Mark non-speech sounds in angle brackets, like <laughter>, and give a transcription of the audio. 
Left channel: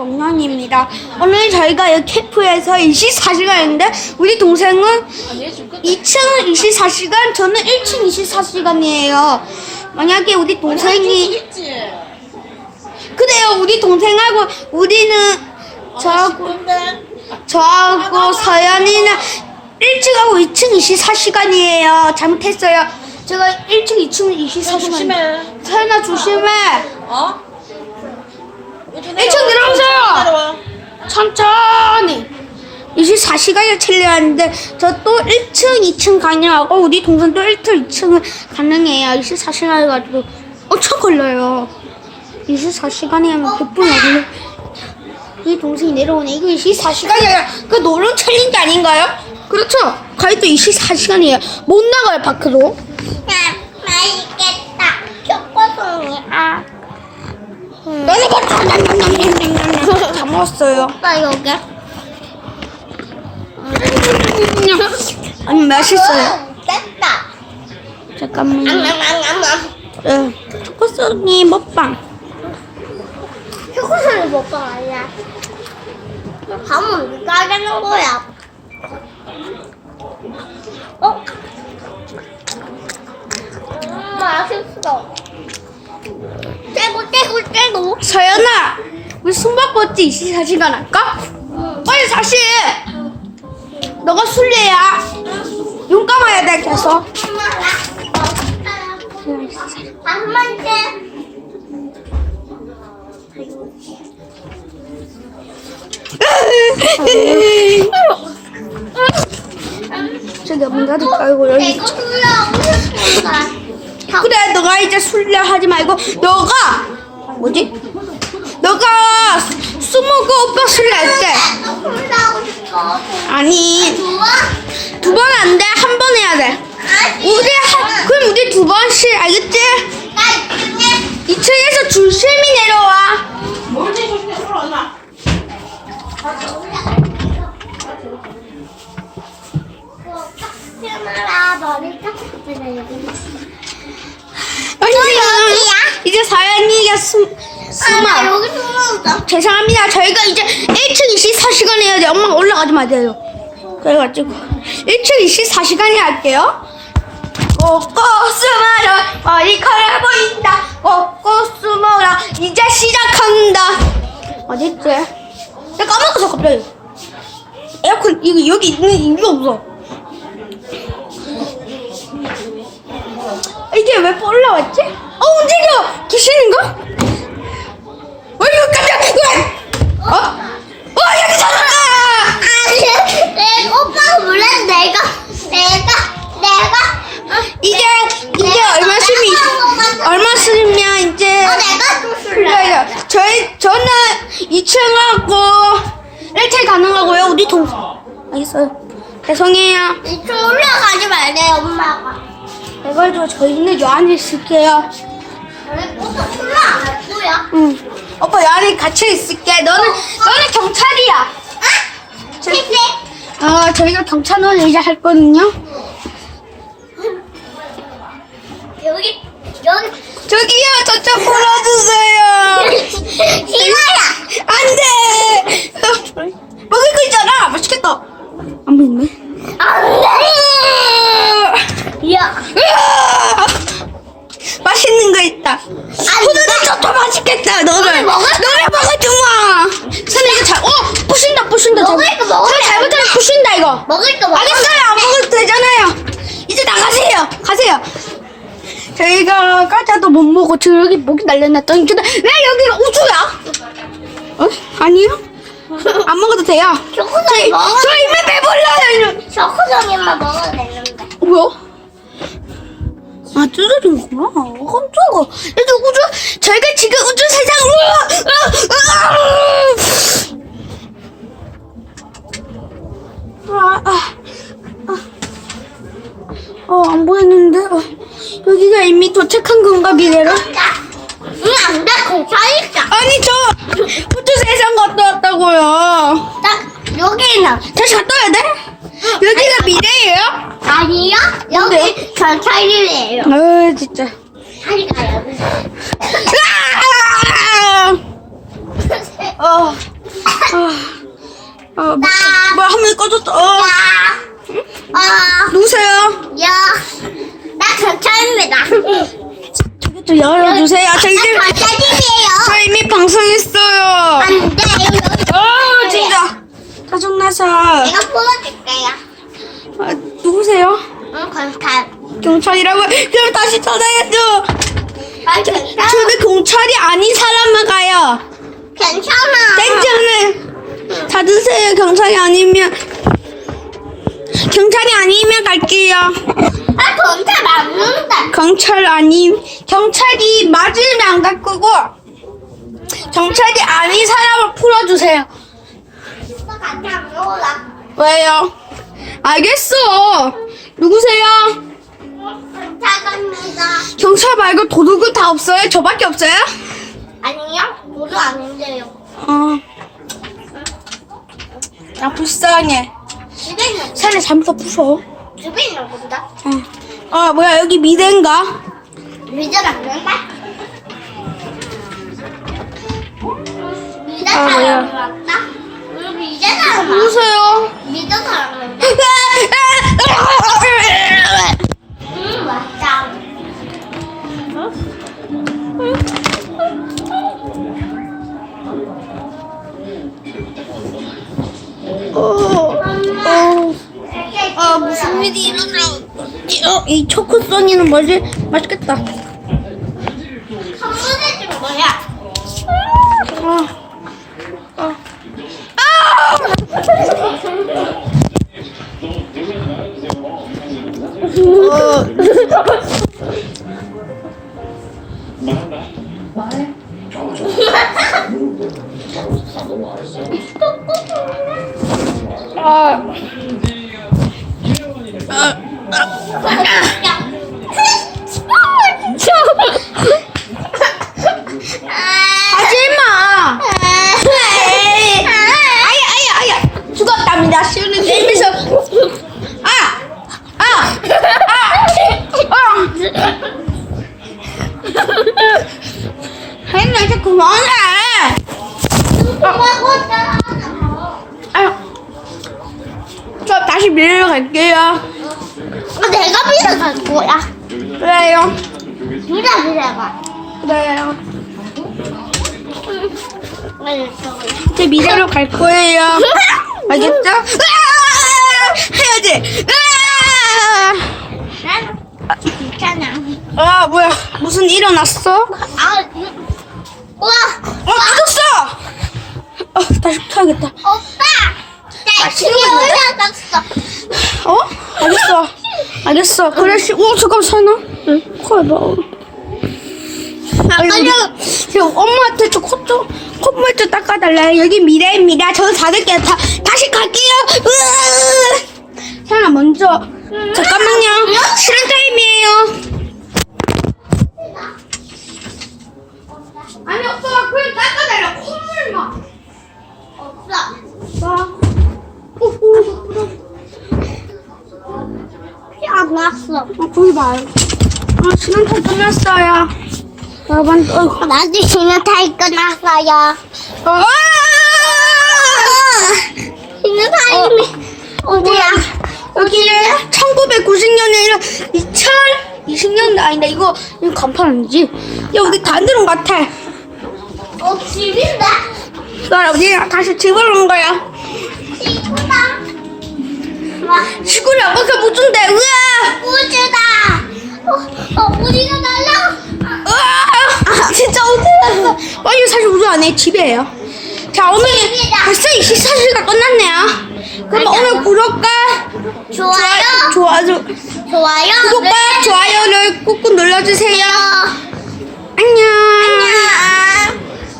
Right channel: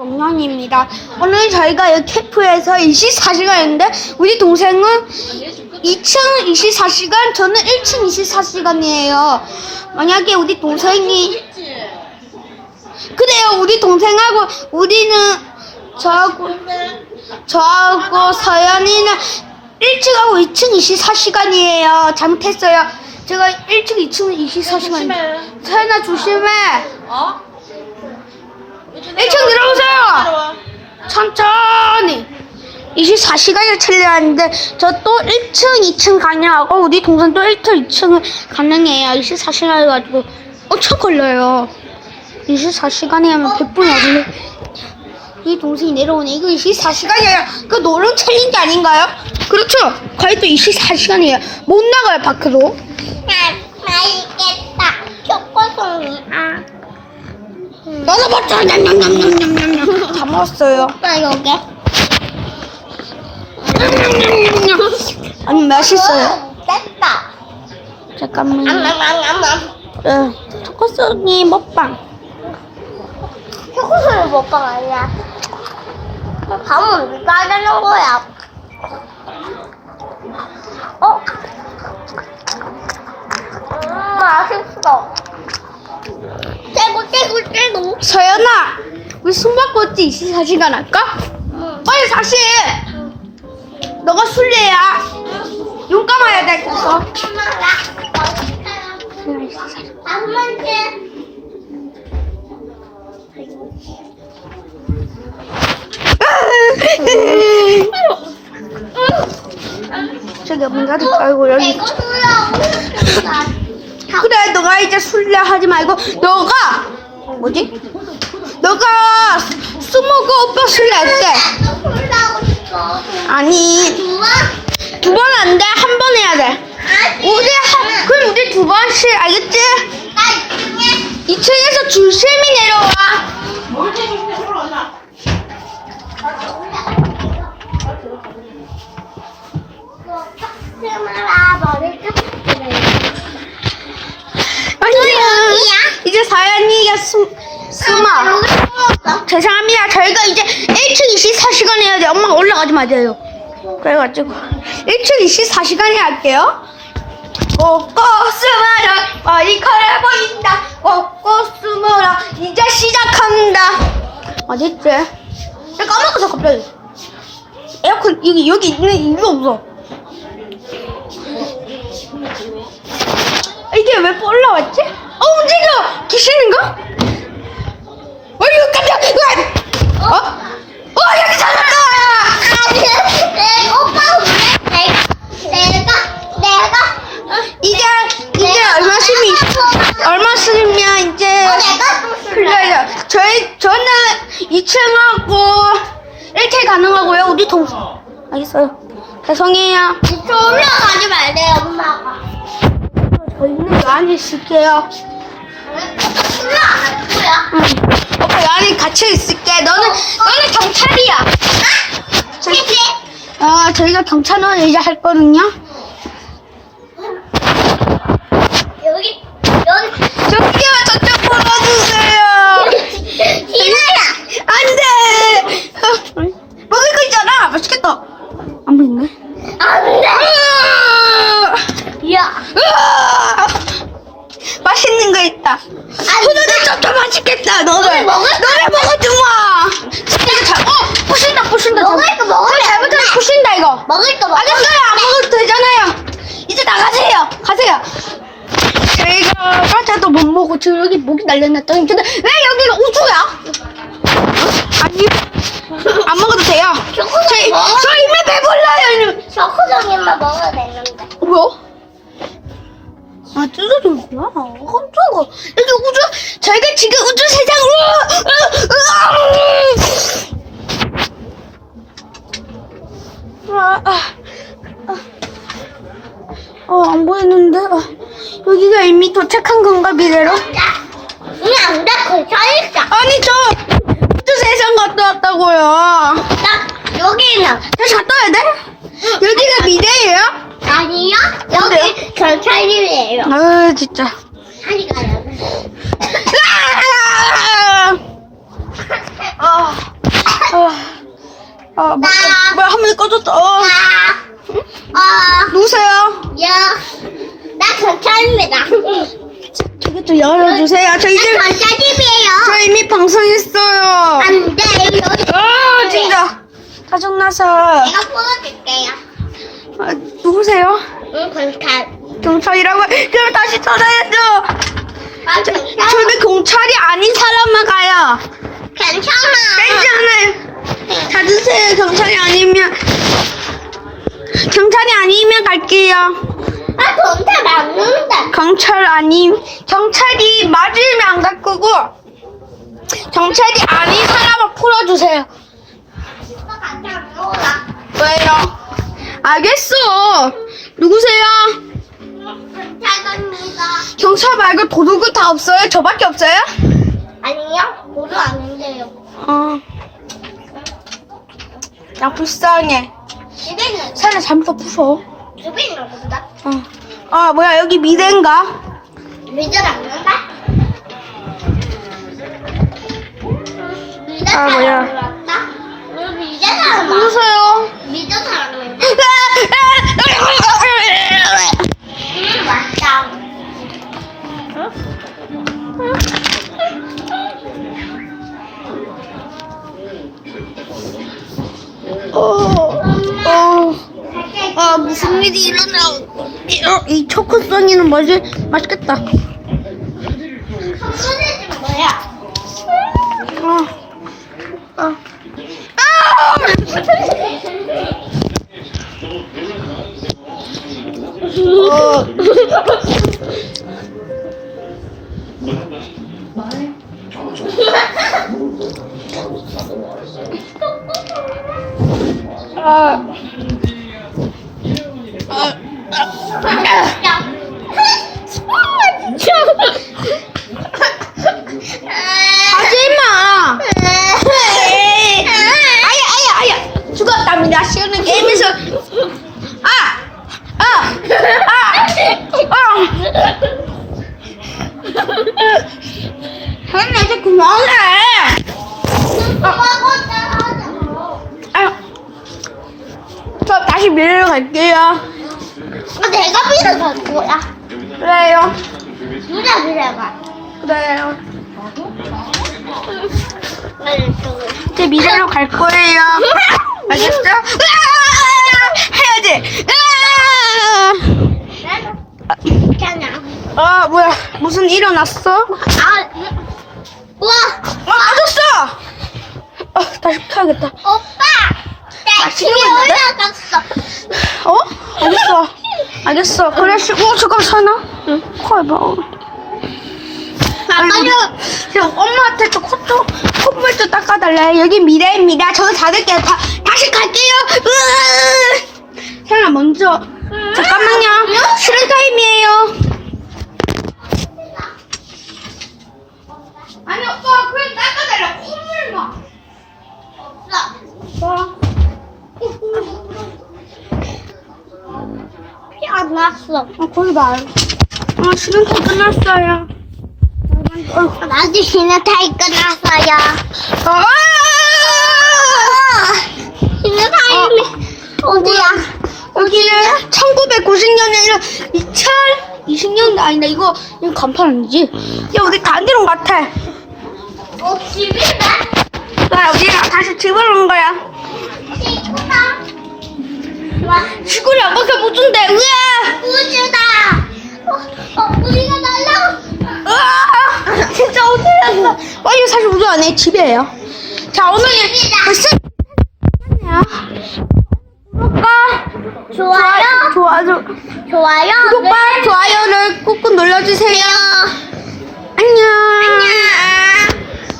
동현입니다. 오늘 저희가 이 캠프에서 24시간인데 우리 동생은 2층 24시간, 저는 1층 24시간이에요. 만약에 우리 동생이 그래요. 우리 동생하고 우리는 저하고 저하고 서연이는 1층하고 2층 24시간이에요. 잘못했어요. 제가 1층, 2층 24시간. 서연아 조심해. 어? 1층 내려오세요. 천천히. 24시간을 틀려하는데 저 또 1층, 2층 가능하고 우리 동생 또 1층, 2층을 가능해요. 24시간 해가지고 엄청 걸려요. 24시간이면 100분 걸려. 이 동생이 내려오네. 이거 24시간이에요. 그 노름 챌린지 아닌가요? 그렇죠. 거의 또 24시간이에요. 못 나가요, 밖으로. 맛있겠다. 초코송이. 아, 냠냠냠냠냠냠 다 먹었어요. 오빠 여기. 아니 맛있어요. 됐다. 잠깐만요. 네, 초코송이 먹방. 초코송이 먹방 아니야. 밥은 누가 하는 거야? 어? 음, 맛있어. 떼고 떼고 떼고. 서연아, 우리 숨바꼭질 24시간 할까? 빨리 다시 해. 너가 술래야. 눈 감아야 돼, 계속. 한. 저기 문 닫을까? 아이고, 여기. 술이야. 그래, 너가 이제 술래 하지 말고, 너가, 뭐지? 너가 스모그 오빠 술래 할 때. 술 하고 싶어. 아니, 좋아? 두 번 안 돼. 한 번 해야 돼. 우리 한, 그럼 우리 두 번씩, 알겠지? 나 이쯤에 2층에서 줄심이 내려와. 탁스마라 너를 탁 사연이가 숨, 숨어. 여기 죄송합니다. 저희가 이제 1층 24시간 해야 돼. 엄마가 올라가지 마세요. 그래가지고 1층 24시간이 할게요. 꼭꼭 숨어라 머리카락 보인다 꼭꼭 숨어라 이제 시작한다 어딨지? 나 까먹었어 갑자기 에어컨 여기 여기 있는 이유가 없어 이게 왜 올라왔지? 어 움직여 귀신인가? 왜 이거 깜짝 왜? 어? 어 여기 찾았다 오빠 원래 내가 내가 내가 이게 이게 얼마 쓰면 얼마 쓰면 이제 어, 내가 좀 술래 풀려요. 저희 저는 2층하고 1층 가능하고요. 우리 동 알겠어요. 죄송해요. 이쪽 올라가지 말래요 엄마가 그래가지고 저희는 요 안에 있을게요. 응. 오빠 요 안에 갇혀 있을게. 너는 너는 경찰이야. 저희, 어 저희가 경찰은 이제 할 거든요. 여기 여기 저기요 저쪽 풀어주세요. 희나야 안돼. 먹을 거 있잖아. 맛있겠다. 안 보이네. 안돼! 야 으아! 맛있는 거 있다. 후드도 좁다 맛있겠다. 너를 너네 먹을 너를 먹어 주마. 선 이거 잘. 어 부신다 부신다. 먹을 거 먹으면 선안 잘못하면 돼. 부신다 이거. 먹을 거 먹을 알겠어요. 안 먹어도 되잖아요. 이제 나가세요. 가세요. 저희가 과자도 못 먹고 저 여기 목이 날려놨더니 근데 왜 여기가 우주야? 어? 아니요. 안 먹어도 돼요. 초코송이 저희 먹어 저 이미 배불러요. 초코송이만 먹어도 되는데 뭐야? 아, 뜯어진구나. 깜짝아. 여기 우주, 저희가 지금 우주 세상으로, 아, 아, 아. 어, 안 보이는데? 어, 여기가 이미 도착한 건가, 미래로? 응 안돼 괜찮을까 아니, 저, 우주 세상 갔다 왔다고요. 딱 여기는 다시 갔다 와야 돼? 여기가 미래예요? 아니요 여기 경찰이에요 아, 진짜. 아! 어. 아, 뭐, 뭐야, 화면이 꺼졌다. 어, 나, 어, 누구세요? 여, 나 경찰입니다. 저기 좀 열어주세요. 저 이제, 나 경찰님이에요. 저 이미 방송했어요. 안 돼, 여기. 아, 진짜. 짜증나서. 내가 뽑아줄게요. 아? 응, 경찰. 경찰이라고. 그럼 다시 전화해줘. 난 경찰. 저는 경찰이 아닌 사람만 가요. 괜찮아. 땡전을 찾으세요. 경찰이 아니면. 경찰이 아니면 갈게요. 나 경찰 안 는다. 경찰 아님 경찰이 맞으면 안 갈 거고 경찰이 아닌 사람을 풀어주세요. 나 같이 안 놀아. 왜요? 알겠어. 누구세요? 경찰입니다. 경찰 말고 도둑은 다 없어요? 저밖에 없어요? 아니요, 모두 아닌데요. 어. 야 불쌍해. 집에 있는, 살에 잘못 부숴. 집에 있는 건다. 어. 아 뭐야 여기 미대인가? 미전 안 는다. 미전 아, 뭐야. 우리 안. 누구세요? 미전 안 놀았다. 어. 어. 아 무슨 일이 일어나? 어, 이 초코소니는 뭐지? 맛있겠다. 뭐야? 아, 아, 아! 아, 하지 마. 아야, 아야, 아야. 죽었답니다. 시원한 게임에서. 아, 아, 아, 아. 혜나 이제 그만해. 아, 저 다시 밀러 갈게요. 내가 빌어갈 거야. 그래요. 누가 빌어가? 그래요. 응, 제 미래로 갈 거예요. <laughs> 알겠어? 해야지. 괜찮아. 아 뭐야 무슨 일 일어났어? 아, 우와, 아 빠졌어. 아 다시 켜야겠다. 오빠! 나 아, 집에 치우고 있는데? 올라갔어. 어? 알겠어. 알겠어. 그래 씨. 어 잠깐 사나? 응. 콜 봐. 아이고, 지금 엄마한테 저 콧 좀 콧물 좀 닦아달래. 여기 미래입니다. 저는 닫을게요. 다 다시 갈게요. 으아! 사연아 먼저 잠깐만요. 쉬는 타임이에요. 아니 오빠 그냥 닦아달라. 콧물만. 없어. 피 안 났어. 아 거기 봐. 아 쉬는 타임 끝났어요. 여러분 어, 나도 타임 끝났어요. 아! 쉬는 타임이 어디야? 여기는 1990년에 2020년대 아니다 이거 이거 간판 아니지? 야 우리 다 들은 것 같아 어, 집이네? 나 우리 다시 집으로 온 거야 시골이 아빠가 무슨데 으아 우주다. 어, 어, 우리가 날려. 으아 진짜 어디였어 빨리 사실 우주 안에 집이에요. 자 오늘 벌써 24시가 끝났네요. 그럼 오늘 구독과 좋아요. 좋아요. 좋아요. 구독과 좋아요를 꾹꾹 눌러주세요. 안녕